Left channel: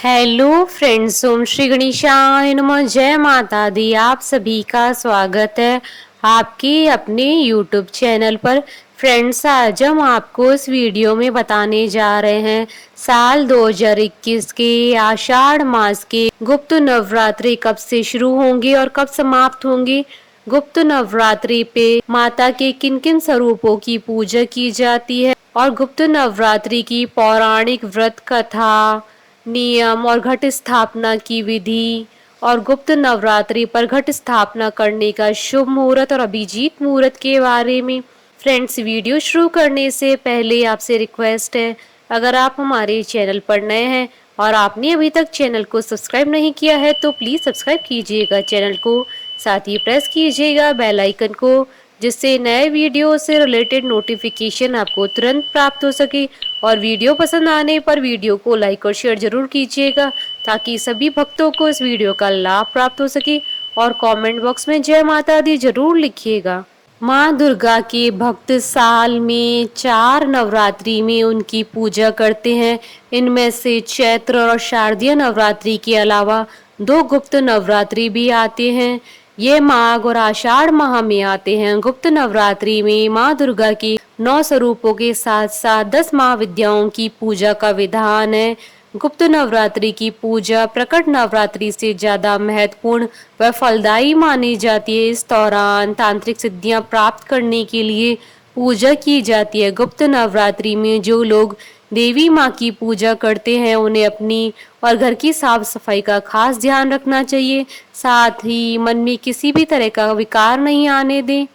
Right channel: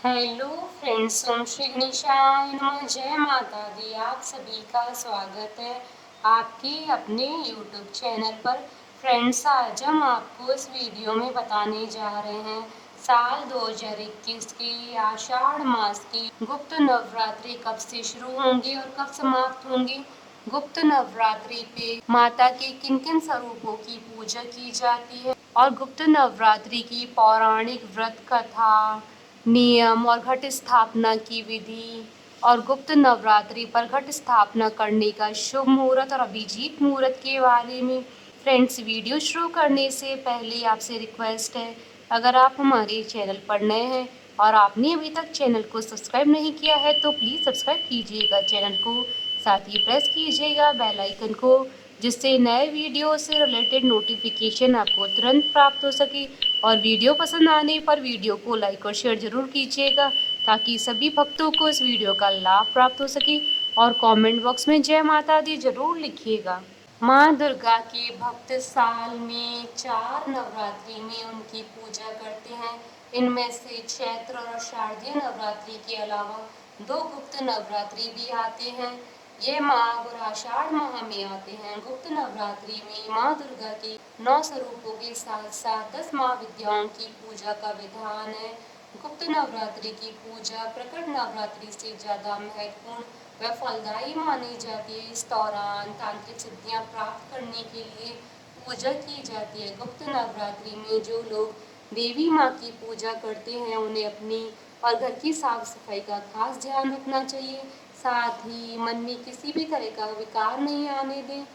Hello friends, ओम श्री गणेशाय नमः। जय माता दी। आप सभी का स्वागत है आपके अपने यूट्यूब चैनल पर। फ्रेंड्स, आज हम आपको इस वीडियो में बताने जा रहे हैं साल 2021 के आषाढ़ मास के गुप्त नवरात्रि कब से शुरू होंगे और कब समाप्त होंगे। गुप्त नवरात्रि पे माता के किन किन स्वरूपों की पूजा की जाती है और गुप्त नवरात्रि की पौराणिक व्रत कथा, नियम और घट स्थापना की विधि और गुप्त नवरात्रि पर घट स्थापना करने का शुभ मुहूर्त और अभिजीत मुहूर्त के बारे में। फ्रेंड्स, वीडियो शुरू करने से पहले आपसे रिक्वेस्ट है, अगर आप हमारे चैनल पर नए हैं और आपने अभी तक चैनल को सब्सक्राइब नहीं किया है तो प्लीज़ सब्सक्राइब कीजिएगा चैनल को। साथ ही प्रेस कीजिएगा बेल आइकन को, जिससे नए वीडियो से रिलेटेड नोटिफिकेशन आपको तुरंत प्राप्त हो सके। और वीडियो पसंद आने पर वीडियो को लाइक और शेयर जरूर कीजिएगा, ताकि सभी भक्तों को इस वीडियो का लाभ प्राप्त हो सके। और कमेंट बॉक्स में जय माता दी जरूर लिखिएगा। माँ दुर्गा के भक्त साल में 4 नवरात्रि में उनकी पूजा करते हैं। इनमें से चैत्र और शारदीय नवरात्रि के अलावा 2 गुप्त नवरात्रि भी आते हैं। ये माघ और आषाढ़ माह में आते हैं। गुप्त नवरात्रि में माँ दुर्गा के 9 स्वरूपों के साथ साथ 10 महाविद्याओं की पूजा का विधान है। गुप्त नवरात्रि की पूजा प्रकट नवरात्रि से ज्यादा महत्वपूर्ण व फलदायी मानी जाती है। इस दौरान तांत्रिक सिद्धियां प्राप्त करने के लिए पूजा की जाती है। गुप्त नवरात्रि में जो लोग देवी माँ की पूजा करते हैं उन्हें अपनी और घर की साफ सफाई का खास ध्यान रखना चाहिए। साथ ही मन में किसी भी तरह का विकार नहीं आने दें।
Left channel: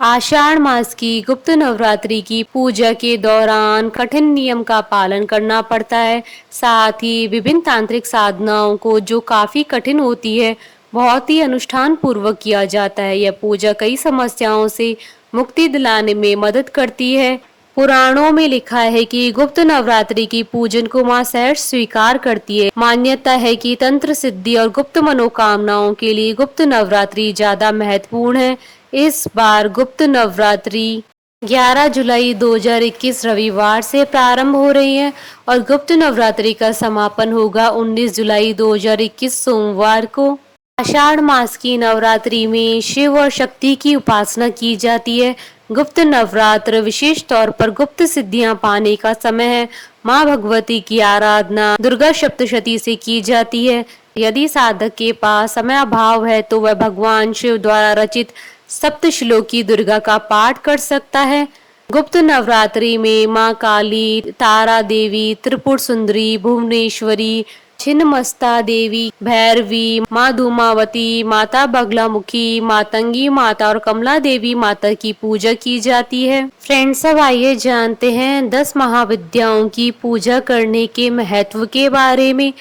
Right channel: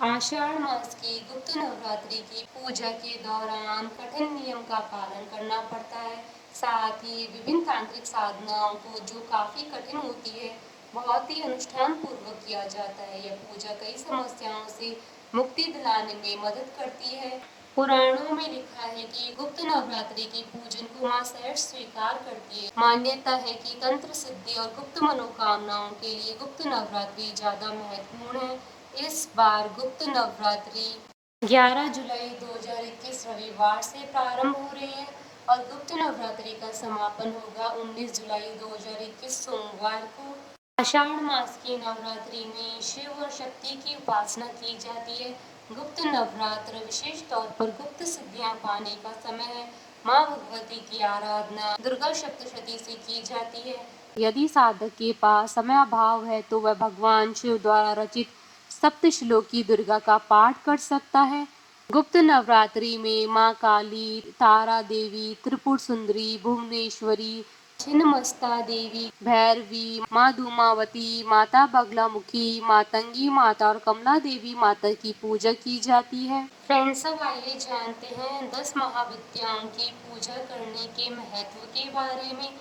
आषाढ़ मास की गुप्त नवरात्रि की पूजा के दौरान कठिन नियम का पालन करना पड़ता है। साथ ही विभिन्न तांत्रिक साधनाओं को, जो काफी कठिन होती है, बहुत ही अनुष्ठान पूर्वक किया जाता है। यह पूजा कई समस्याओं से मुक्ति दिलाने में मदद करती है। पुराणों में लिखा है कि गुप्त नवरात्रि की पूजन को मां सहर्ष स्वीकार करती है। मान्यता है कि तंत्र सिद्धि और गुप्त मनोकामनाओं के लिए गुप्त नवरात्रि ज्यादा महत्वपूर्ण है। इस बार गुप्त नवरात्रि 11 जुलाई 2021 रविवार से प्रारंभ हो रही है और गुप्त नवरात्रि का समापन होगा 19 जुलाई 2021 सोमवार को। आषाढ़ मास की नवरात्रि में शिव और शक्ति की उपासना की जाती है। गुप्त नवरात्र विशेष तौर पर गुप्त सिद्धियां पाने का समय है। माँ भगवती की आराधना दुर्गा सप्तशती से की जाती है। यदि साधक के पास समय अभाव है तो वह भगवान शिव द्वारा रचित सप्तश्लोकी दुर्गा का पाठ कर सकता है। गुप्त नवरात्रि में माँ काली, तारा देवी, त्रिपुर सुंदरी, भुवनेश्वरी, छिन्नमस्ता देवी, भैरवी, माँ धूमावती, माता बगलामुखी, मातंगी माता और कमला देवी माता की पूजा की जाती है। फ्रेंड्स, अब आइए जानते हैं 10 महाविद्याओं की पूजा करने के महत्व के बारे में।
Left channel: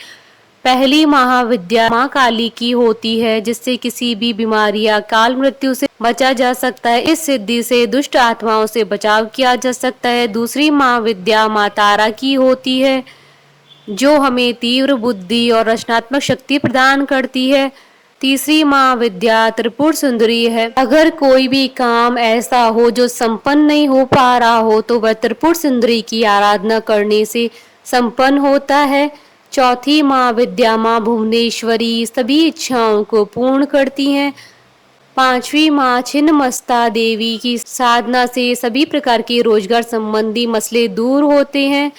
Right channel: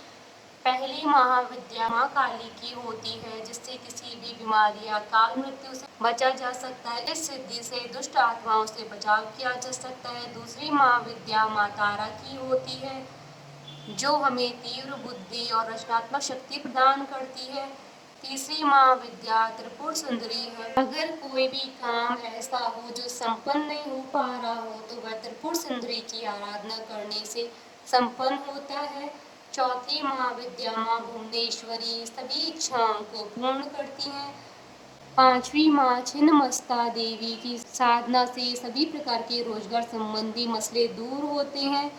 पहली महाविद्या माँ काली की होती है, जिससे किसी भी बीमारी या काल मृत्यु से बचा जा सकता है। इस सिद्धि से दुष्ट आत्माओं से बचाव किया जा सकता है। दूसरी महाविद्या माँ तारा की होती है, जो हमें तीव्र बुद्धि और रचनात्मक शक्ति प्रदान करती है। तीसरी महाविद्या त्रिपुर सुंदरी है। अगर कोई भी काम ऐसा हो जो संपन्न नहीं हो पा रहा हो तो वह त्रिपुर सुंदरी की आराधना करने से संपन्न होता है। चौथी महाविद्या माँ भुवनेश्वरी सभी इच्छाओं को पूर्ण करती हैं। पांचवी माँ छिन्नमस्ता देवी की साधना से सभी प्रकार के रोजगार संबंधी मसले दूर होते हैं।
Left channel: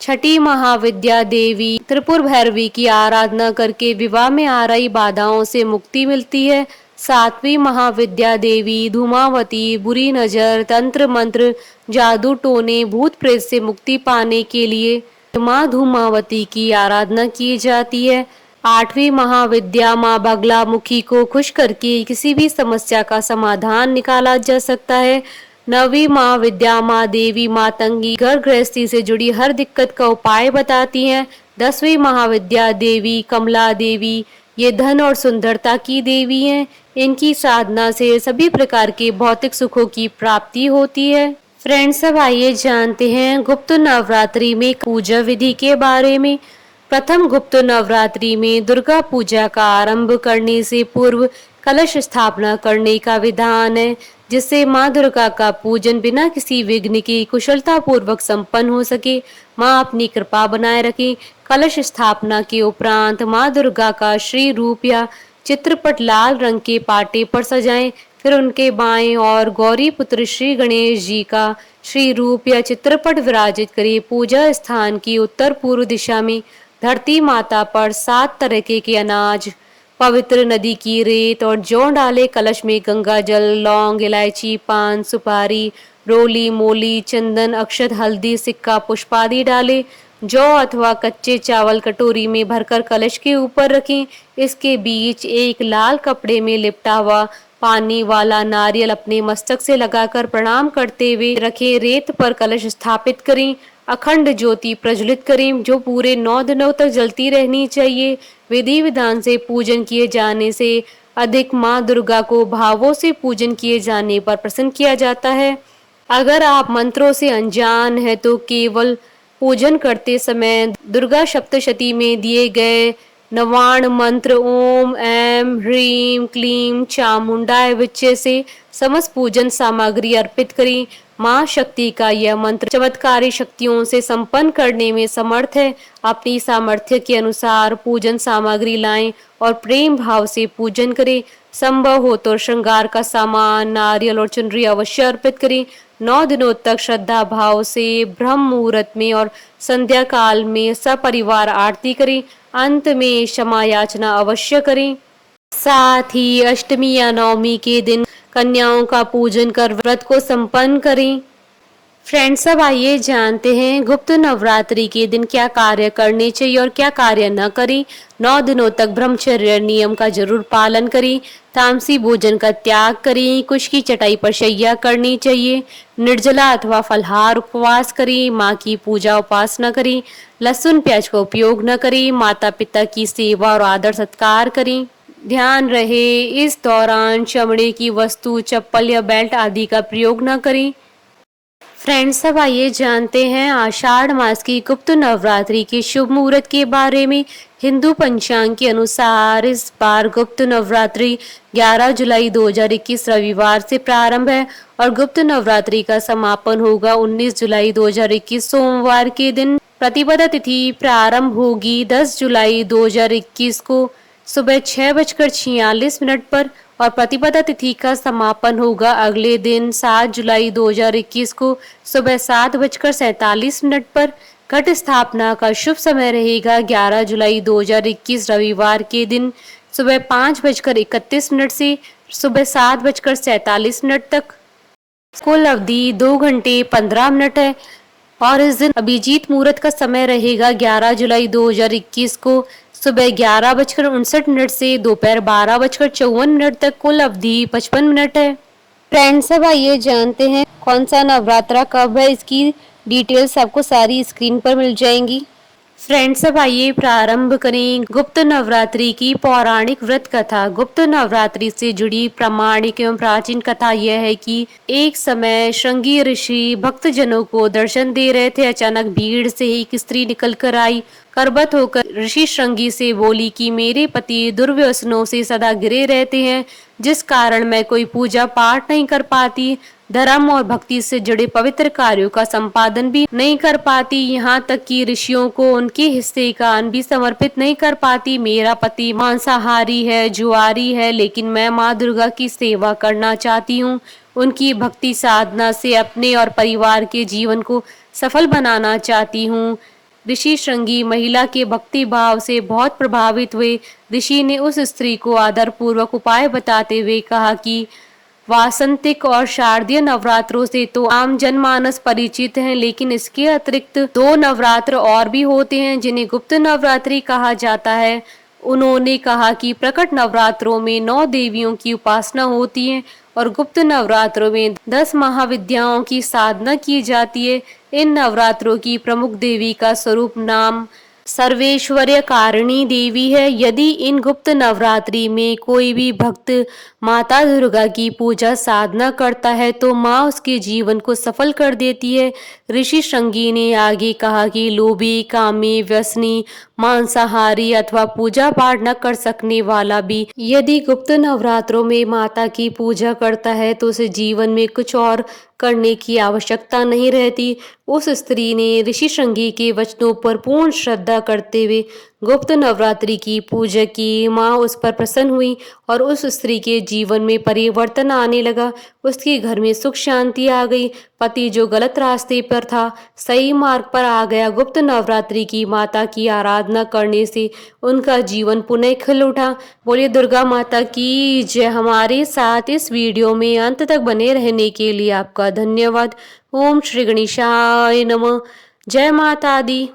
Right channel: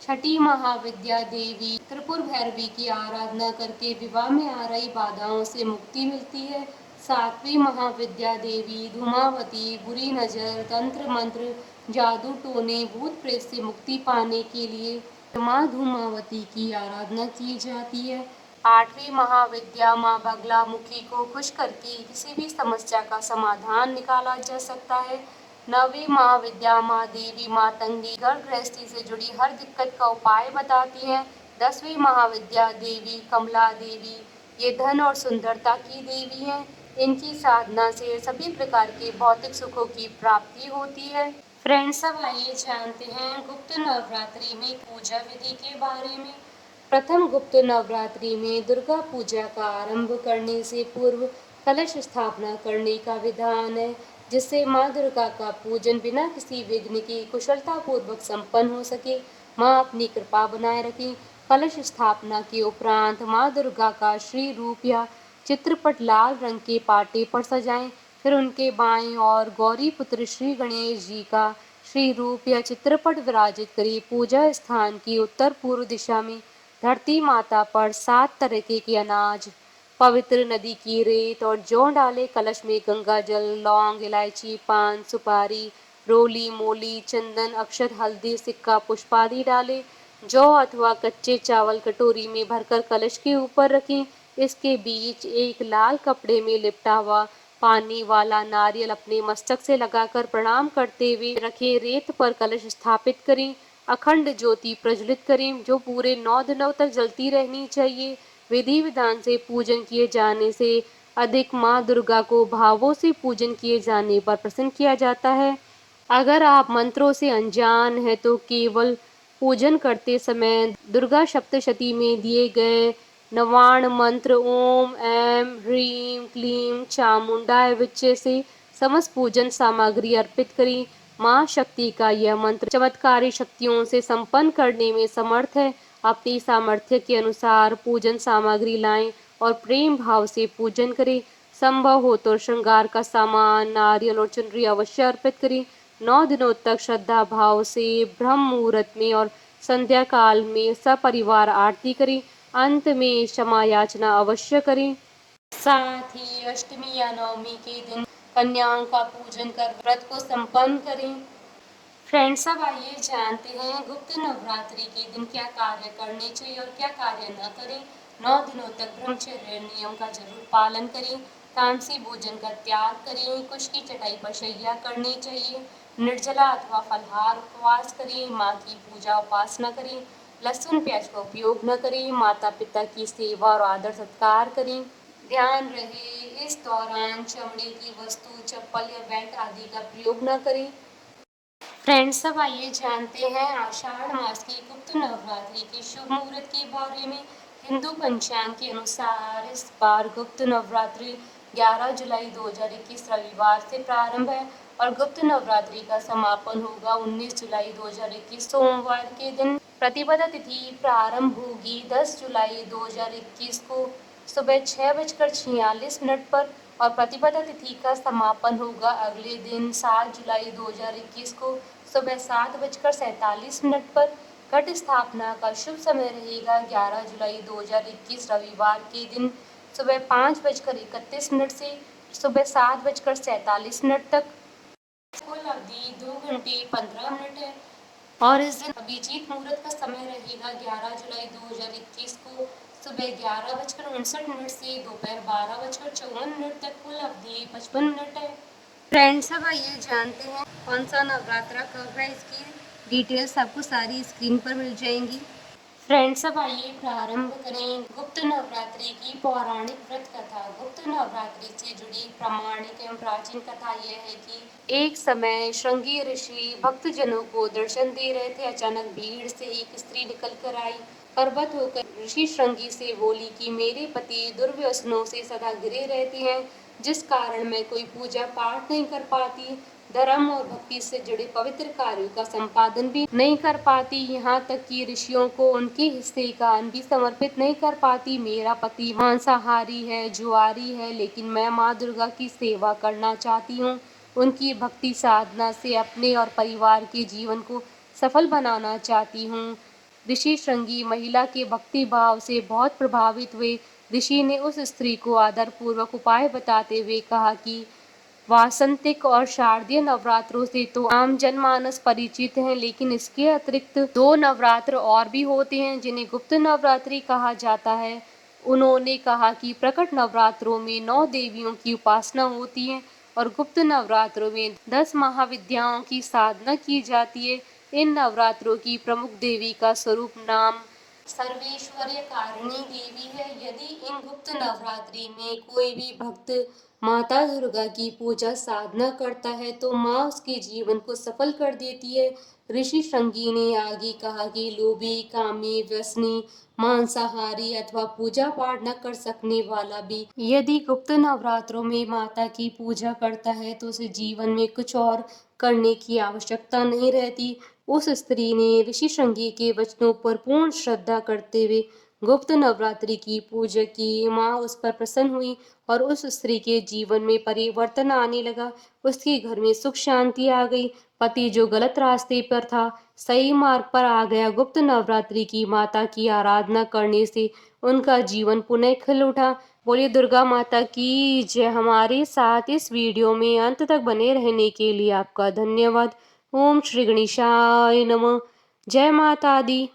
छठी महाविद्या देवी त्रिपुर भैरवी की आराधना करके विवाह में आ रही बाधाओं से मुक्ति मिलती है। सातवीं महाविद्या देवी धूमावती बुरी नजर, तंत्र मंत्र, जादू टोने, भूत प्रेत से मुक्ति पाने के लिए माँ धूमावती की आराधना की जाती है। आठवीं महाविद्या माँ बगलामुखी को खुश करके किसी भी समस्या का समाधान निकाला जा सकता है। नवीं महाविद्या माँ देवी मातंगी घर गृहस्थी से जुड़ी हर दिक्कत का उपाय बताती हैं। 10वीं महाविद्या देवी कमला देवी, ये धन और सुंदरता की देवी हैं। इनकी साधना से सभी प्रकार के भौतिक सुखों की प्राप्ति होती है। फ्रेंड्स, अब आइए जानते हैं गुप्त नवरात्रि में पूजा विधि के बारे में। प्रथम गुप्त नवरात्रि में दुर्गा पूजा का आरंभ करने से पूर्व कलश स्थापना करने का विधान है, जिससे माँ दुर्गा का पूजन बिना किसी विघ्न के कुशलता पूर्वक संपन्न हो सके। माँ अपनी कृपा बनाए रखें। कलश स्थापना के उपरांत माँ दुर्गा का श्री रूप या चित्रपट लाल रंग के पाटे पर सजाएं। फिर उनके बाएं और गौरी पुत्र श्री गणेश जी का श्री रूप या चित्रपट विराजित करें। पूजा स्थान की उत्तर पूर्व दिशा में धरती माता पर 7 तरह के अनाज, पवित्र नदी की रेत और जौ डाले। कलश में गंगा जल, लौंग, इलायची, पान, सुपारी, रोली, मोली, चंदन, अक्षत, हल्दी, सिक्का, पुष्प आदि डाले। जौ अथवा कच्चे चावल कटोरी में भरकर कलश के ऊपर रखें। इसके बीच एक लाल कपड़े में लिपटा हुआ पानी वाला नारियल अपने मस्तक से लगाकर प्रणाम करते हुए रखें। रेत पर कलश स्थापित करें। अखंड ज्योति प्रज्वलित करें जो पूरे 9 दिनों तक जलती रहनी चाहिए। विधि विधान से पूजन किए जाने से अधिक माँ दुर्गा को भावों से पूजन किए जाने पर प्रसन्न किया जाता है। अगर आप मंत्रों से अनजान हैं तो केवल पूजन करते समय दुर्गा सप्तशती में दिए गए नवाण मंत्र ओम ऐं ह्रीं क्लीं चामुंडाय विच्चे से समस्त पूजन सामग्री अर्पित करें। माँ शक्ति का यह मंत्र चमत्कारी शक्तियों से संपन्न करने में समर्थ है। अपनी सामर्थ्य के अनुसार पूजन सामग्री लाएं और प्रेम भाव से पूजन करें। संभव हो तो श्रृंगार का सामान, नारियल और चुनरी अवश्य अर्पित करें। 9 दिनों तक श्रद्धा भाव से ब्रह्म मुहूर्त में और संध्या काल में सपरिवार आरती करें। अंत में क्षमा याचना अवश्य करें। साथ ही अष्टमी या नवमी के दिन कन्याओं का पूजन कर व्रत को संपन्न करें। फ्रेंड्स, अब आइए जानते हैं गुप्त नवरात्रि के दिन क्या कार्य करने चाहिए और क्या कार्य न करें। 9 दिनों तक ब्रह्मचर्य नियम का जरूर पालन करें। तामसी भोजन का त्याग करें। कुश की चटाई पर शैया करनी चाहिए। निर्जला अथवा फलहार उपवास करें। माँ की पूजा उपासना करें। लहसुन प्याज का उपयोग न करें। माता पिता की सेवा और आदर सत्कार करें। ध्यान रहे इस दौरान चमड़े की वस्तु, चप्पल या बेल्ट आदि का प्रयोग न करें। फ्रेंड्स, अब आइए जानते हैं आषाढ़ मास की गुप्त नवरात्रि के शुभ मुहूर्त के बारे में। हिंदू पंचांग के अनुसार इस बार गुप्त नवरात्रि 11 जुलाई 2021 रविवार से प्रारंभ है और गुप्त नवरात्रि का समापन होगा 19 जुलाई 2021 सोमवार के दिन। प्रतिपदा तिथि प्रारंभ होगी 10 जुलाई 2021 को सुबह 6:46 पर और प्रतिपदा तिथि का समापन होगा अगले दिन 7 जुलाई 2021 को सुबह 7:47 पर। घट स्थापना का शुभ समय रहेगा 11 जुलाई 2021 रविवार के दिन सुबह 5:31 से सुबह 7:47 तक। कुल अवधि 2 घंटे 15 मिनट है और इस दिन अभिजीत मुहूर्त का समय रहेगा 11 जुलाई 2021 को सुबह 11:59 से दोपहर 12:54 तक। कुल अवधि 55 मिनट है। फ्रेंड्स, अब आइए जानते हैं कौन सा नवरात्रा कब है। इसकी डिटेल्स आपको सारी स्क्रीन पर मिल जाएंगी। फ्रेंड्स, अब आइए प्रारंभ करें गुप्त नवरात्रि की पौराणिक व्रत कथा। गुप्त नवरात्रि से जुड़ी प्रामाणिक एवं प्राचीन कथा यह है कि एक समय श्रृंगी ऋषि भक्तजनों को दर्शन दे रहे थे। अचानक भीड़ से एक स्त्री निकल कर आई। करबत होकर ऋषि श्रृंगी से बोली कि मेरे पति दुर्व्यसनों से सदा घिरे रहते हैं, जिस कारण मैं कोई पूजा पाठ नहीं कर पाती, धर्म और भक्ति से जुड़े पवित्र कार्यों का संपादन भी नहीं कर पाती, यहाँ तक कि ऋषियों को उनके हिस्से का अन्न भी समर्पित नहीं कर पाती। मेरा पति मांसाहारी है, जुआरी है, लेकिन मैं माँ दुर्गा की सेवा करना चाहती हूँ। उनकी भक्ति साधना से अपने और परिवार के जीवन को सफल बनाना चाहती हूँ। ऋषि श्रृंगी महिला के भक्ति भाव से बहुत प्रभावित हुए। ऋषि ने उस स्त्री को आदर पूर्वक उपाय बताते हुए कहा कि वासंतिक और शारदीय नवरात्रों से तो आम जनमानस परिचित हैं, लेकिन इसके अतिरिक्त 2 नवरात्र और भी होते हैं जिन्हें गुप्त नवरात्रि कहा जाता है। उन्होंने कहा कि प्रकट नवरात्रों में 9 देवियों की उपासना होती है और गुप्त नवरात्रों में 10 महाविद्याओं की साधना की जाती है। इन नवरात्रों की प्रमुख देवी का स्वरूप नाम सर्वेश्वर्य कारिणी देवी है। यदि इन गुप्त नवरात्रि में कोई भी भक्त माता दुर्गा की पूजा साधना करता है तो माँ उसके जीवन को सफल कर देती है। ऋषि श्रृंगी ने आगे कहा कि लोभी, कामी, व्यसनी, मांसाहारी अथवा पूजा पाठ न कर सकने वाला भी यदि गुप्त नवरात्रों में माता की पूजा करता है तो उसे जीवन में कुछ और करने की आवश्यकता नहीं रहती। उस स्त्री ने ऋषि श्रृंगी के वचनों पर पूर्ण श्रद्धा करते हुए गुप्त नवरात्रि की पूजा की। माँ उस पर प्रसन्न हुई और उस स्त्री के जीवन में परिवर्तन आने लगा। उसके घर में सुख शांति आ गई। पति जो गलत रास्ते पर था, सही मार्ग पर आ गया। गुप्त नवरात्रि की माता की आराधना करने से उनका जीवन पुनः खिल उठा। बोलिए दुर्गा माता की जय। हमारे साथ इस वीडियो में अंत तक बने रहने के लिए आपका धन्यवाद। ओम श्री गणेशाय नमः। जय माता दी।